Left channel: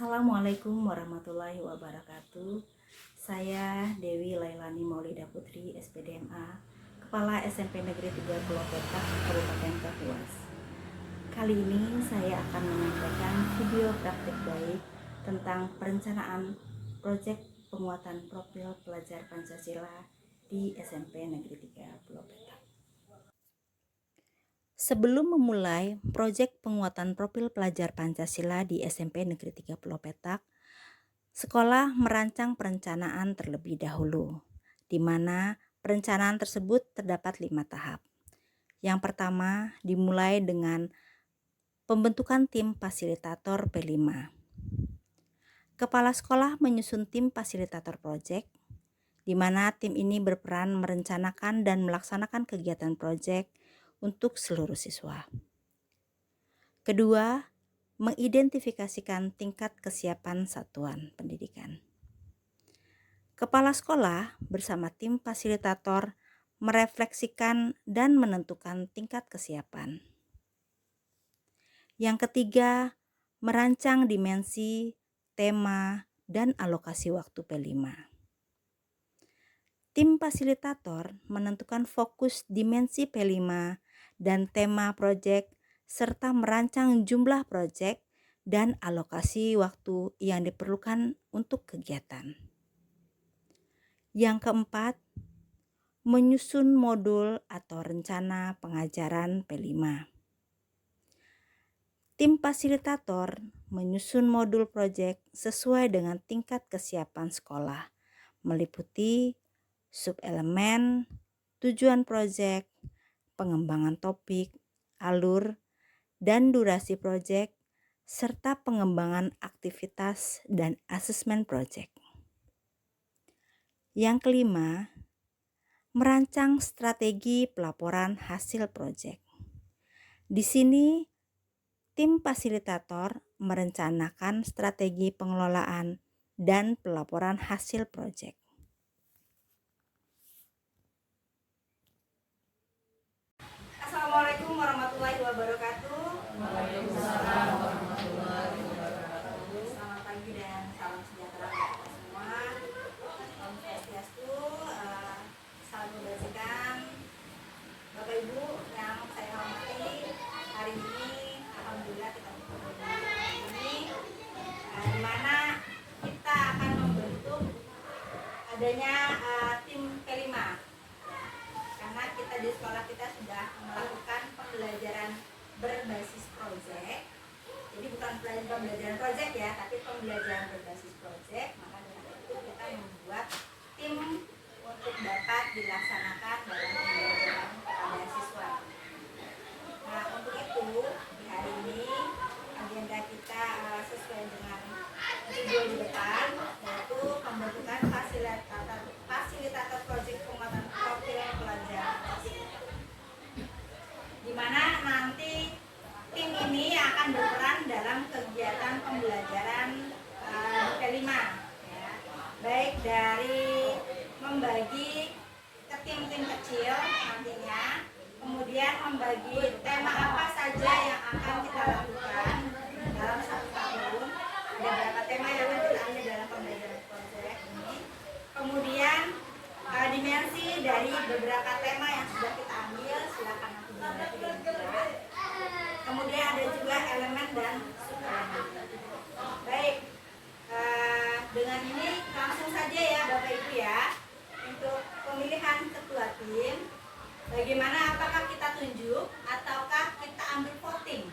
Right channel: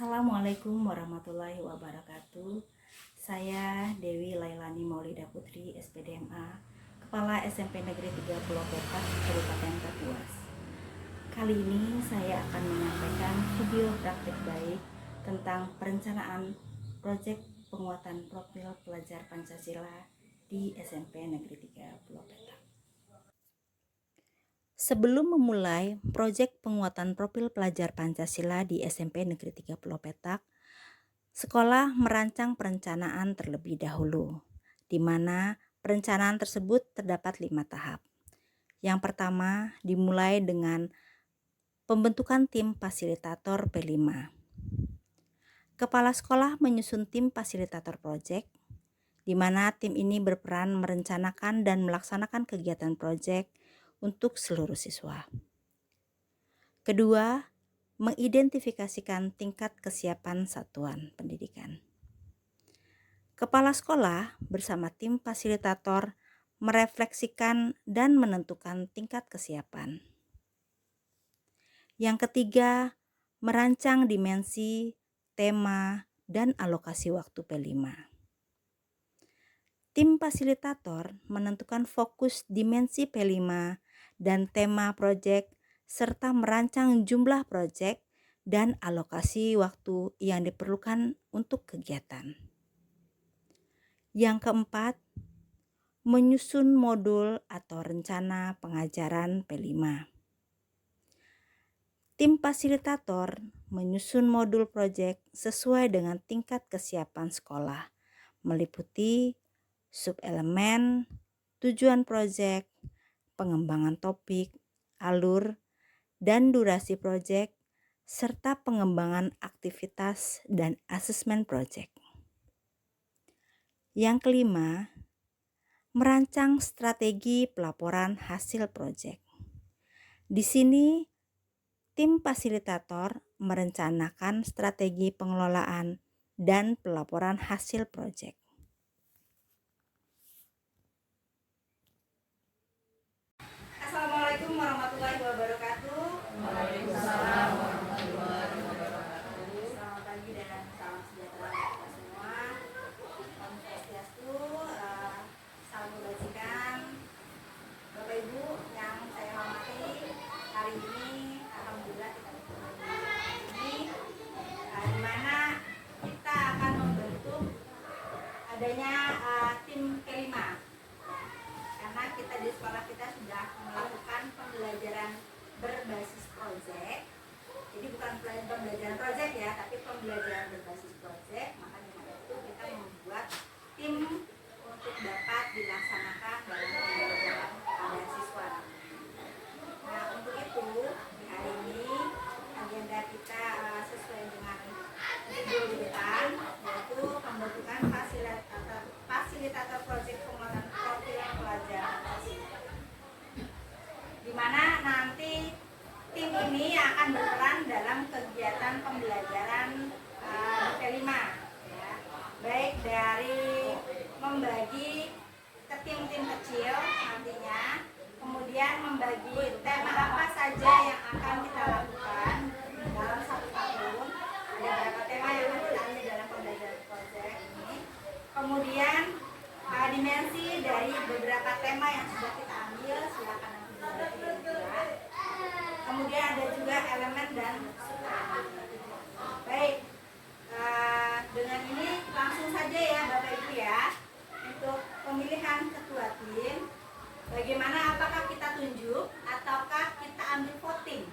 Assalamualaikum warahmatullahi wabarakatuh. Saya Dewi Lailani Maulida Putri, SPDMA, Kepala SMP Negeri 3 Pulau Petak, Kabupaten Kapuas. Kali ini saya akan menyampaikan video praktik baik tentang perencanaan proyek penguatan profil pelajar Pancasila di SMP Negeri 3 Pulau Petak. Sebelum memulai proyek penguatan profil pelajar Pancasila di SMP Negeri 3 Pulau Petak, sekolah merancang perencanaan terlebih dahulu, di mana perencanaan tersebut terdapat 5 tahap. Yang pertama dimulai dengan pembentukan tim fasilitator P5. Kepala sekolah menyusun tim fasilitator proyek, di mana tim ini berperan merencanakan dan melaksanakan kegiatan proyek untuk seluruh siswa. Kedua, mengidentifikasikan tingkat kesiapan satuan pendidikan. Kepala sekolah bersama tim fasilitator merefleksikan dan menentukan tingkat kesiapan. Yang ketiga, merancang dimensi, tema, dan alokasi waktu P5. Tim fasilitator menentukan fokus dimensi P5 dan tema proyek serta merancang jumlah proyek dan alokasi waktu yang diperlukan untuk kegiatan. Yang keempat, menyusun modul atau rencana pengajaran P5. Tim fasilitator menyusun modul proyek sesuai dengan tingkat kesiapan sekolah, meliputi subelemen, tujuan proyek, pengembangan topik, alur, dan durasi proyek, serta pengembangan aktivitas dan asesmen proyek. Yang kelima, merancang strategi pelaporan hasil proyek. Di sini, tim fasilitator merencanakan strategi pengelolaan dan pelaporan hasil proyek. Assalamualaikum warahmatullahi wabarakatuh. Waalaikumsalam warahmatullahi wabarakatuh. Selamat pagi dan salam sejahtera untuk kita semua. Om Swastiastu, salam kebajikan. Bapak Ibu yang saya hormati, hari ini alhamdulillah kita bertemu ini, di mana kita akan membentuk adanya tim P5. Karena kita di sekolah kita sudah melakukan pembelajaran berbasis proyek. Jadi bukan pembelajaran proyek ya, tapi pembelajaran berbasis proyek. Maka dengan itu kita membuat tim untuk dapat dilaksanakan dalam pembelajaran kepada siswa. Nah, untuk itu di hari ini agenda kita sesuai dengan judul di depan, yaitu pembentukan fasilitator proyek penguatan profil pelajar Pancasila. Di mana nanti tim ini akan berperan dalam kegiatan pembelajaran P5, ya. Baik dari membagi ke tim-tim kecil nantinya, kemudian membagi tema apa saja yang akan kita lakukan dalam 1 tahun. Ada berapa tema yang akan kita ambil dalam pembelajaran proyek ini. Kemudian dimensi dari beberapa tema yang sudah kita ambil, silakan nanti dibaca. Kemudian ada juga elemen dan subelemen. Baik, dengan ini langsung saja ya Bapak Ibu ya, untuk pemilihan ketua tim. Bagaimana, apakah kita tunjuk ataukah kita ambil voting?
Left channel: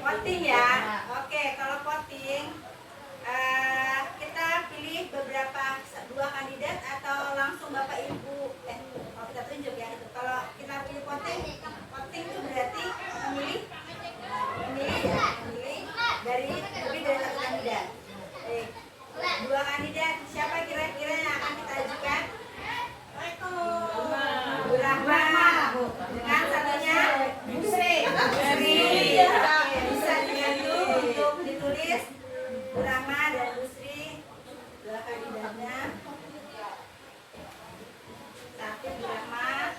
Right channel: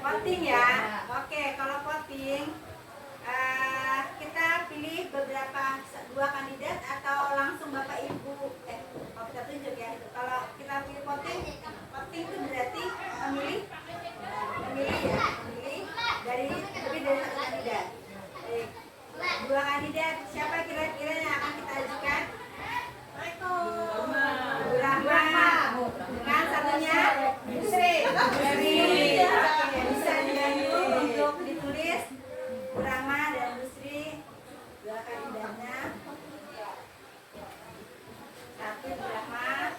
Voting ya. Oke, kalau voting kita pilih beberapa 2 kandidat atau langsung Bapak Ibu kalau kita tunjuk ya itu. Kalau kita pilih voting itu berarti memilih dari lebih dari 1 kandidat. 2 kandidat, siapa kira-kira yang akan kita ajukan? Bu Rahma. Dengan satunya Busri. Oke, bisa dibantu untuk ditulis Bu Rahma dan Busri, 2 kandidatnya. 1 Bu Rahma,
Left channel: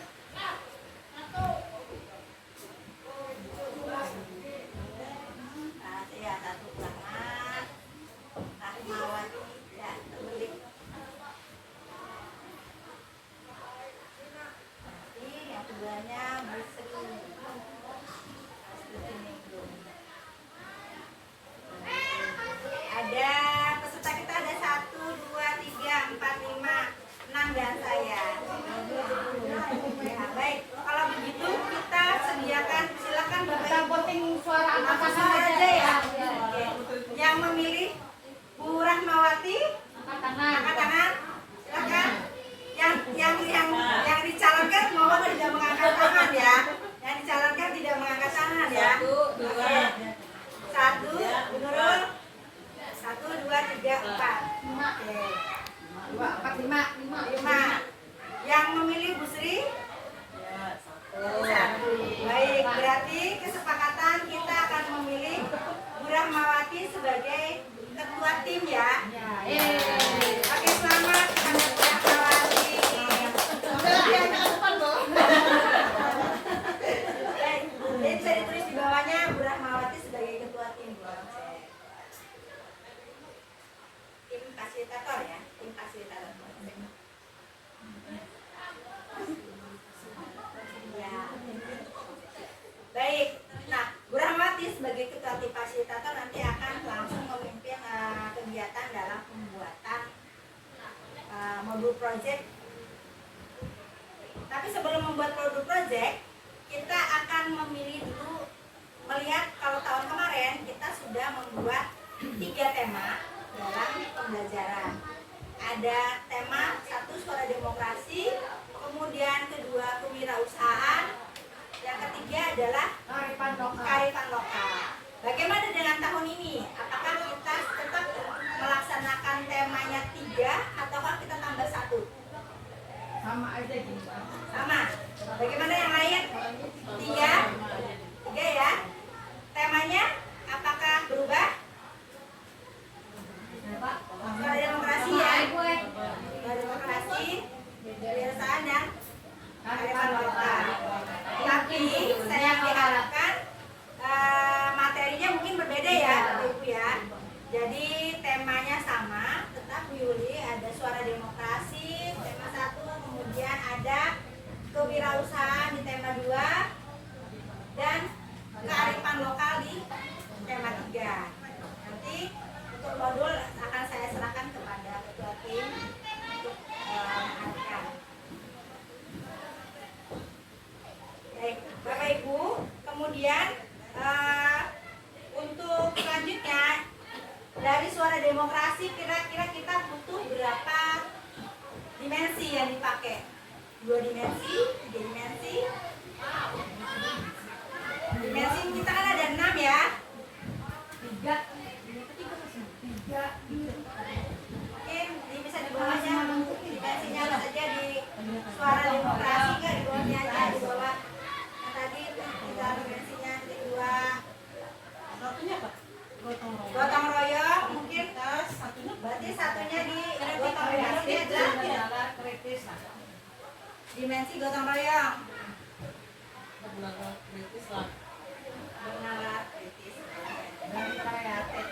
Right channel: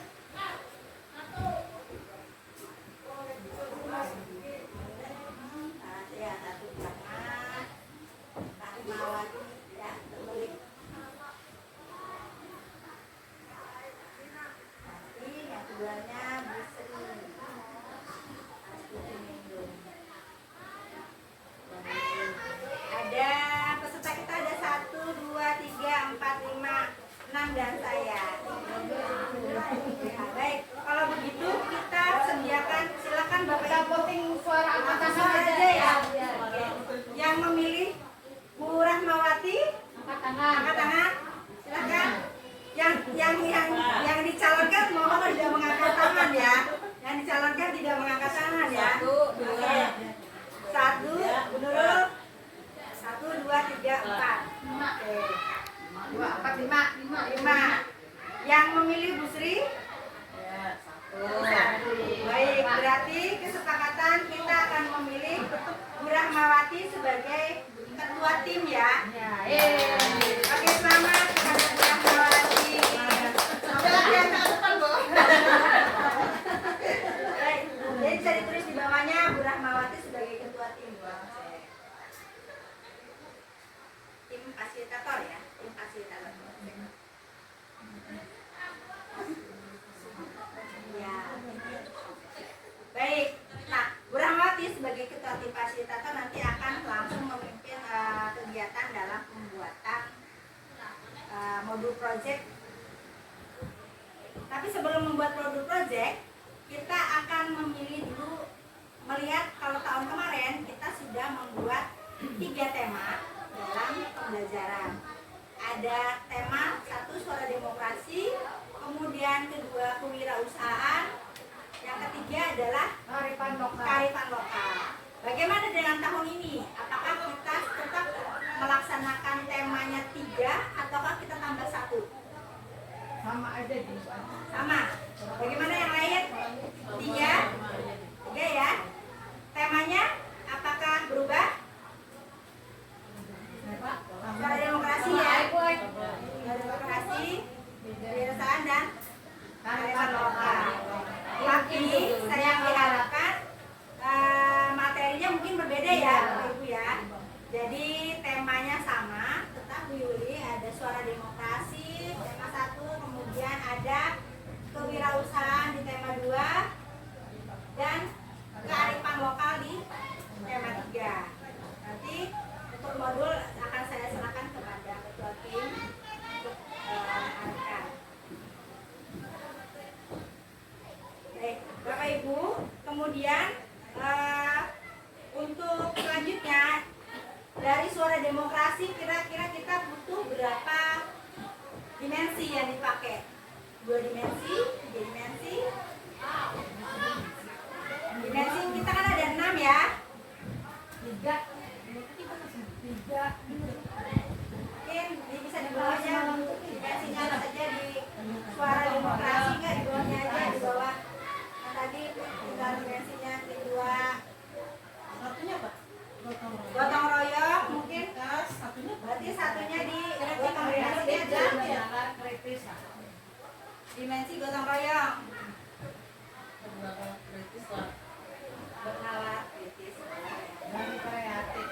ketuanya Bu Sri. Ada peserta kita ada 1, 2, 3, 4, 5, 6 dan saya. Nah, baik, kalau begitu kita sediakan, silakan Bapak Ibu suara angkat tangan aja ya. Oke. Yang memilih Bu Rahmawati angkat tangan, silakan. Yang dicalonkan mohon tidak mengangkat tangan ya. Yang dicalonkan tidak mengangkat tangan ya. Oke. 1, Bu Nurul. 1, 2, 3, 4. Oke. 5. Yang memilih Bu Sri? Satu. Baik, berarti kesepakatan kita akan memilih Bu Rahmawati sebagai ketua tim ya. Oke, selamat kepada Bu Rahmawati. Baik, jadi bisa ditulis di bawahnya Bu Rahmawati sebagai ketua tim. Tim fasilitator ya, tim fasilitator. Ya. Baik, nah Bu Rahmawati sebagai ketua tim fasilitator nanti akan langsung memimpin kegiatan dalam pembuatan modul project. Tapi sebelum membuat modul project, kita akan memilih dulu, melihat kalau tahun kemarin kita sudah membuat 3 tema dalam pembelajaran. Ada tema 1 suara demokrasi, kemudian kedua kewirausahaan, yang ketiga adalah kearifan lokal. Bagaimana dengan tahun ini? Apakah kita tetap melaksanakan temanya 3 ataukah kita tambah 1? Sama aja gitu. Sama. Bagaimana yang lain? 3 ya. Temanya apakah berubah? Suara demokrasi ya. Suara demokrasi, kewirausahaan dan kearifan lokal. Tapi saya diharapkan materinya mungkin berbeda ya Bapak Ibu ya. Jadi temanya sama, tetap Bu Yuli ada suara demokrasi tema 1, kemudian ada kewirausahaan di tema 2 dan kearifan lokal di tema 3. Nanti untuk modul akan saya serahkan kepada ketua tim untuk mengarahkan. Baik, Bapak Ibu, kemudian untuk selanjutnya dari suara demokrasi kira-kira kita butuh berapa dimensi yang dipakai? 2 dimensi, 3 dimensi. Dimensi kita kan ada 6 ya. 3. Mungkin bisa di bawahnya dimensinya saja di suara demokrasi, nggak di bawahnya aja, di bawah yang tadi tinggal dimensinya di 2. Satunya apa? Gotong royong mungkin berarti satunya di gotong royong dimensi gotong royong bernama kritis Dan kreatif.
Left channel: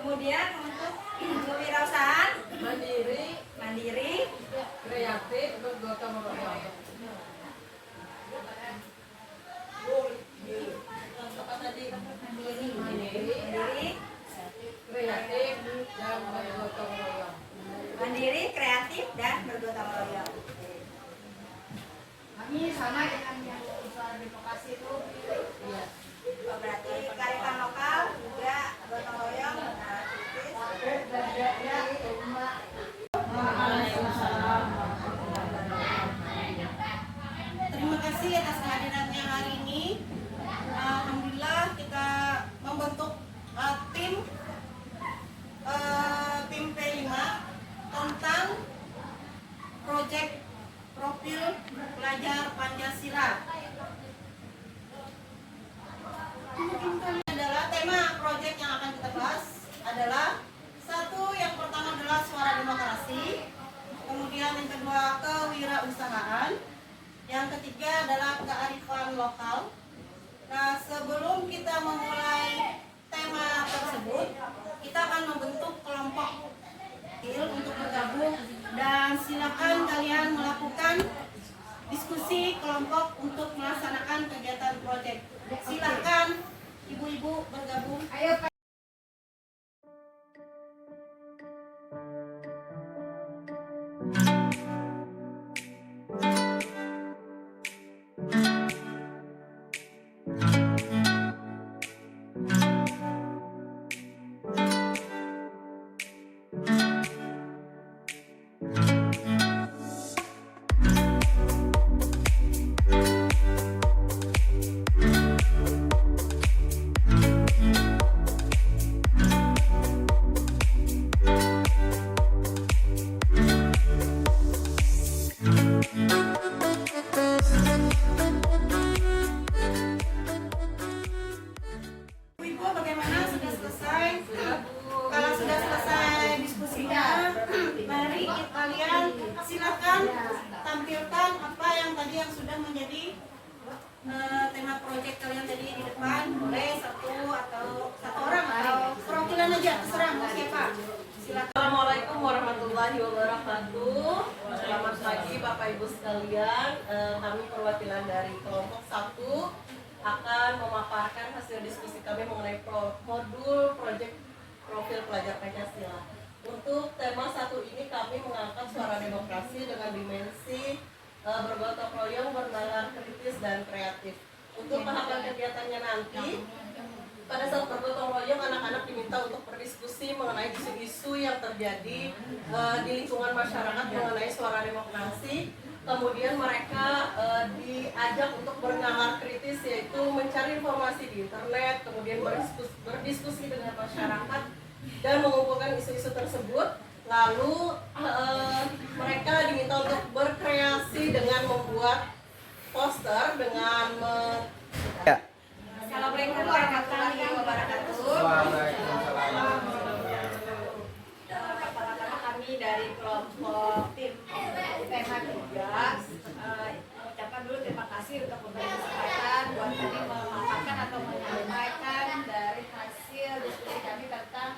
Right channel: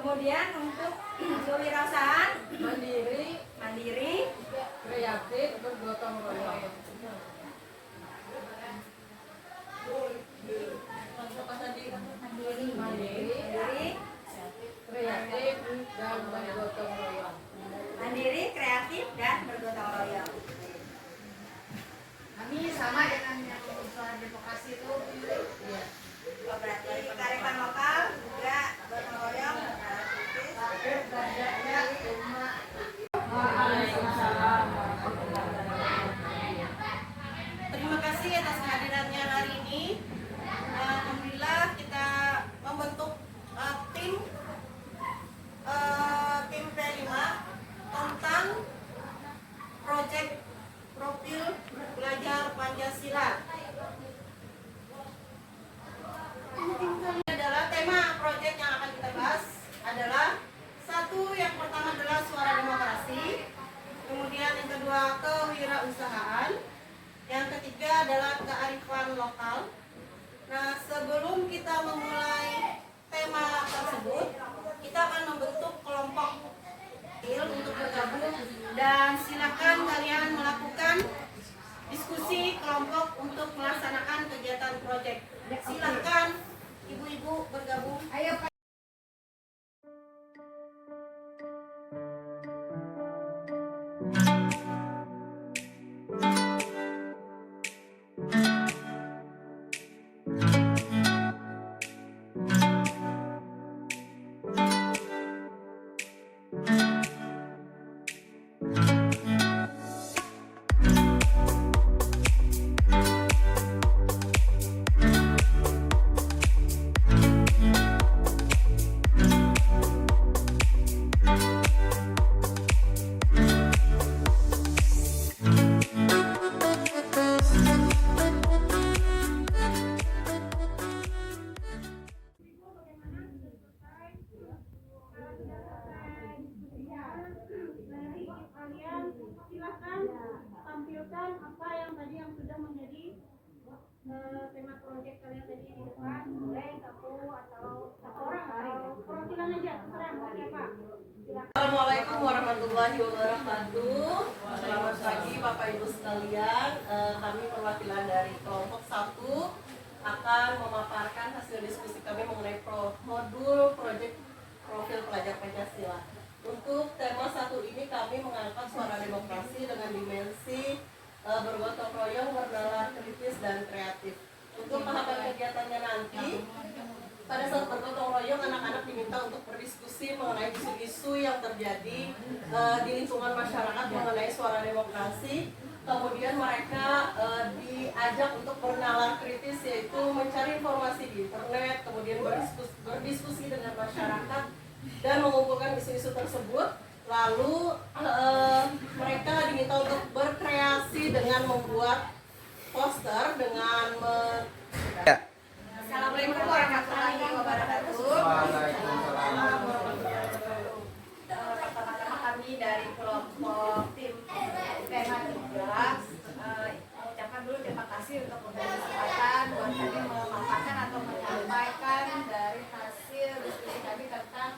kemudian untuk kewirausahaan mandiri kreatif, bergotong royong. Untuk apa tadi? mandiri Kreatif, dan bergotong royong. mandiri kreatif dan bergotong royong. Kami sama dengan yang usaha demokrasi itu. Iya. Oh, berarti kearifan lokal juga gotong royong kritis. Terima kasih atas kehadirannya hari ini. Alhamdulillah kita membentuk tim P5 tentang proyek profil pelajar Pancasila. Adalah tema proyek yang akan kita bahas adalah 1, yang pertama adalah suara demokrasi, kemudian yang kedua kewirausahaan, yang ketiga adalah kearifan lokal. Nah, sebelum kita memulai tema tersebut, kita akan membentuk kelompok kecil untuk bergabung dan silakan akan kalian melakukan diskusi kelompok untuk melaksanakan kegiatan proyek. Silakan ibu-ibu bergabung. Ayo Pak. Ibu bagaimana, sudah selesai? Kalau sudah selesai diskusinya, mari kalian silakan tampilkan apa yang tadi yang sudah menjadi tema proyek kalian tadi di depan. Boleh satu atau satu orang atau perwakilan aja, terserah mau siapa. Silakan. Assalamualaikum warahmatullahi wabarakatuh. Selamat pagi Bapak Ibu sekalian. Kami perwakilan dari kelompok 1 akan memaparkan hasil diskusi kami mengenai modul proyek profil pelajar Pancasila. Untuk tema 1 ini kami mengangkat suara demokrasi dengan dimensi bergotong royong, bernalar kritis dan kreatif. Untuk tahapan kegiatannya nanti, pada saat bergotong royong, anak-anak diminta untuk berdiskusi mengenai isu-isu yang terjadi di lingkungan masyarakat mengenai suara demokrasi. Kemudian mereka diajak untuk bernalar kritis, yaitu mencari informasi di internet, kemudian berdiskusi dengan masyarakat dan mengumpulkan isu-isu tersebut. Lalu mereka diminta untuk berkreasi dengan membuat poster dengan Assalamualaikum warahmatullahi wabarakatuh. Pertama-tama kami dari kelompok tim tema 3 mengucapkan dulu terima kasih untuk memberi kesempatan buat kami memaparkan atau menyampaikan dari hasil diskusi kami tentang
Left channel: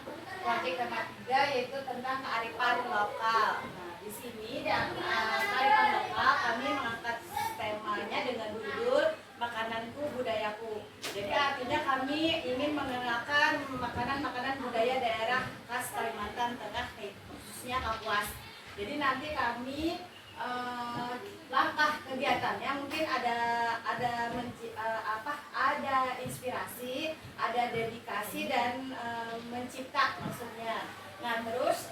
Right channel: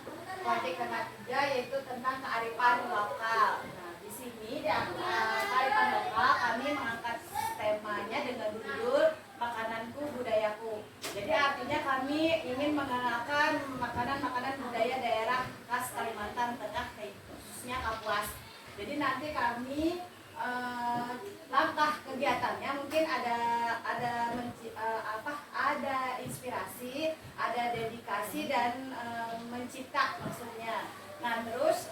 proyek tema 3, yaitu tentang kearifan lokal. Nah, di sini di kearifan lokal kami mengangkat temanya dengan judul Makananku Budayaku. Jadi artinya kami ingin mengenalkan makanan-makanan budaya daerah khas Kalimantan Tengah, khususnya Kapuas. Jadi nanti kami langkah kegiatannya mungkin ada inspirasi, ada dedikasi dan mencipta maksudnya. Nah terus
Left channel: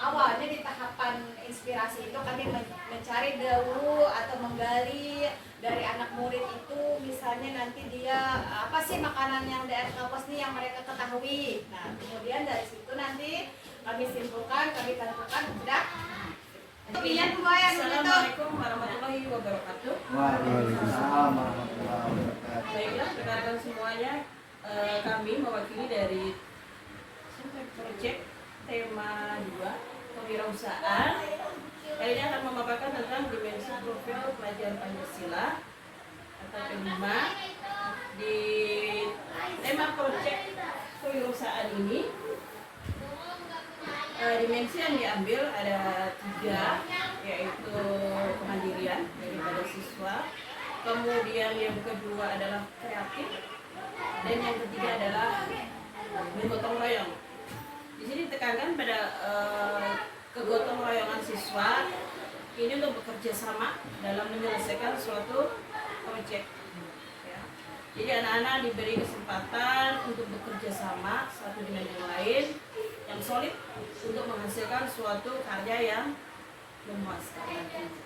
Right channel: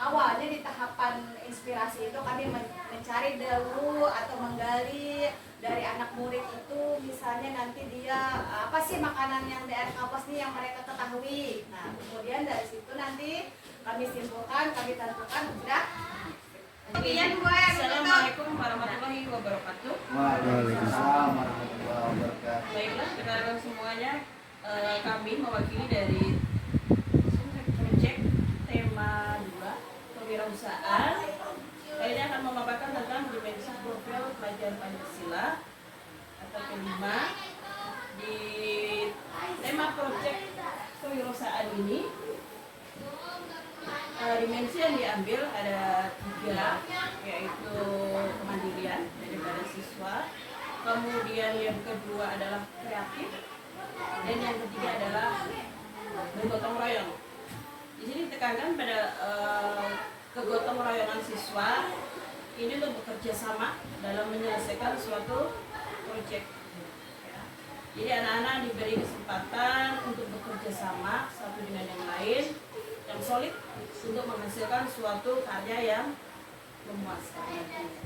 awalnya di tahapan inspirasi itu kami mencari dulu atau menggali dari anak murid itu, misalnya nanti dia apa sih makanan yang daerah Kapuas nih yang mereka ketahui. Nah kemudian dari situ nanti kami simpulkan, kami tentukan sudah. Assalamualaikum warahmatullahi wabarakatuh. Waalaikumsalam warahmatullahi wabarakatuh. Baiklah, rekan-rekan semuanya, kami mewakili dari proyek tema 2 kewirausahaan. Kali ini akan memaparkan tentang dimensi profil pelajar Pancasila atau kelima. Di tema proyek kewirausahaan ini, dimensi yang diambil ada 3, yaitu kemandirian daripada siswa, kemudian yang kedua adalah kreatif, dan yang ketiga adalah bergotong royong. Di sini ditekankan pada kegotong royongan siswa ini untuk bekerja sama dalam menyelesaikan suatu proyek. Ya. Jadi anak-anak diberi kesempatan untuk bekerja sama satu dengan yang lain yang solid untuk menghasilkan suatu karya yang memuaskan nantinya.